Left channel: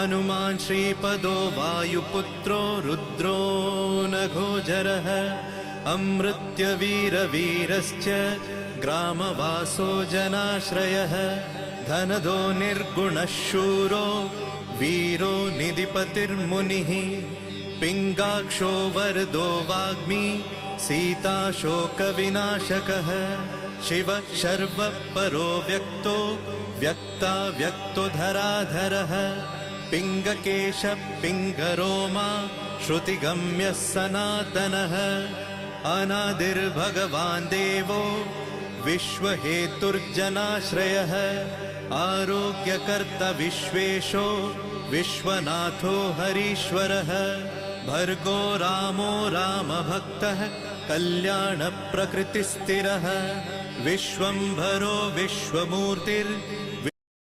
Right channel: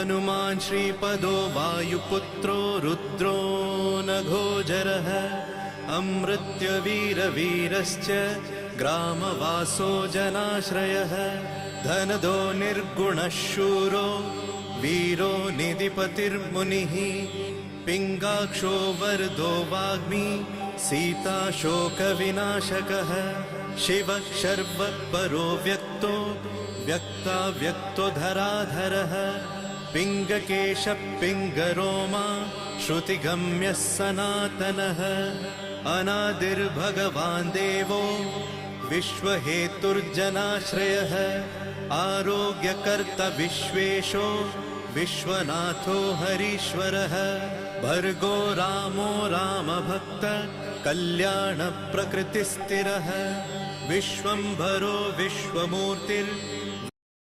हनुमान् श्रीपदो वायुपुत्रो रुद्रो नघोजरः अमृत्यवीरवीरश्च ग्रामवासो जनाश्रयः धनदो निर्गुणः शूरो वीरो निधिपतिर्मुनिः पिङ्गाक्षो वरदो वाग्मी सीताशोकविनाशकः शिवः शर्वत्परो व्यक्तो व्यक्ताव्यक्तो धराधरः पिङ्गकेशः पिङ्गरोमा श्रुतिगम्यः सनातनः अनादिर्भगवान् देवो विश्वहेतुर्जनाश्रयः आरोग्यकर्ता विश्वेशो विश्वनाथो हरीश्वरः भर्गो रामो रामभक्तः कल्याणप्रकृतिस्थिरः विश्वम्भरो विश्वमूर्तिर्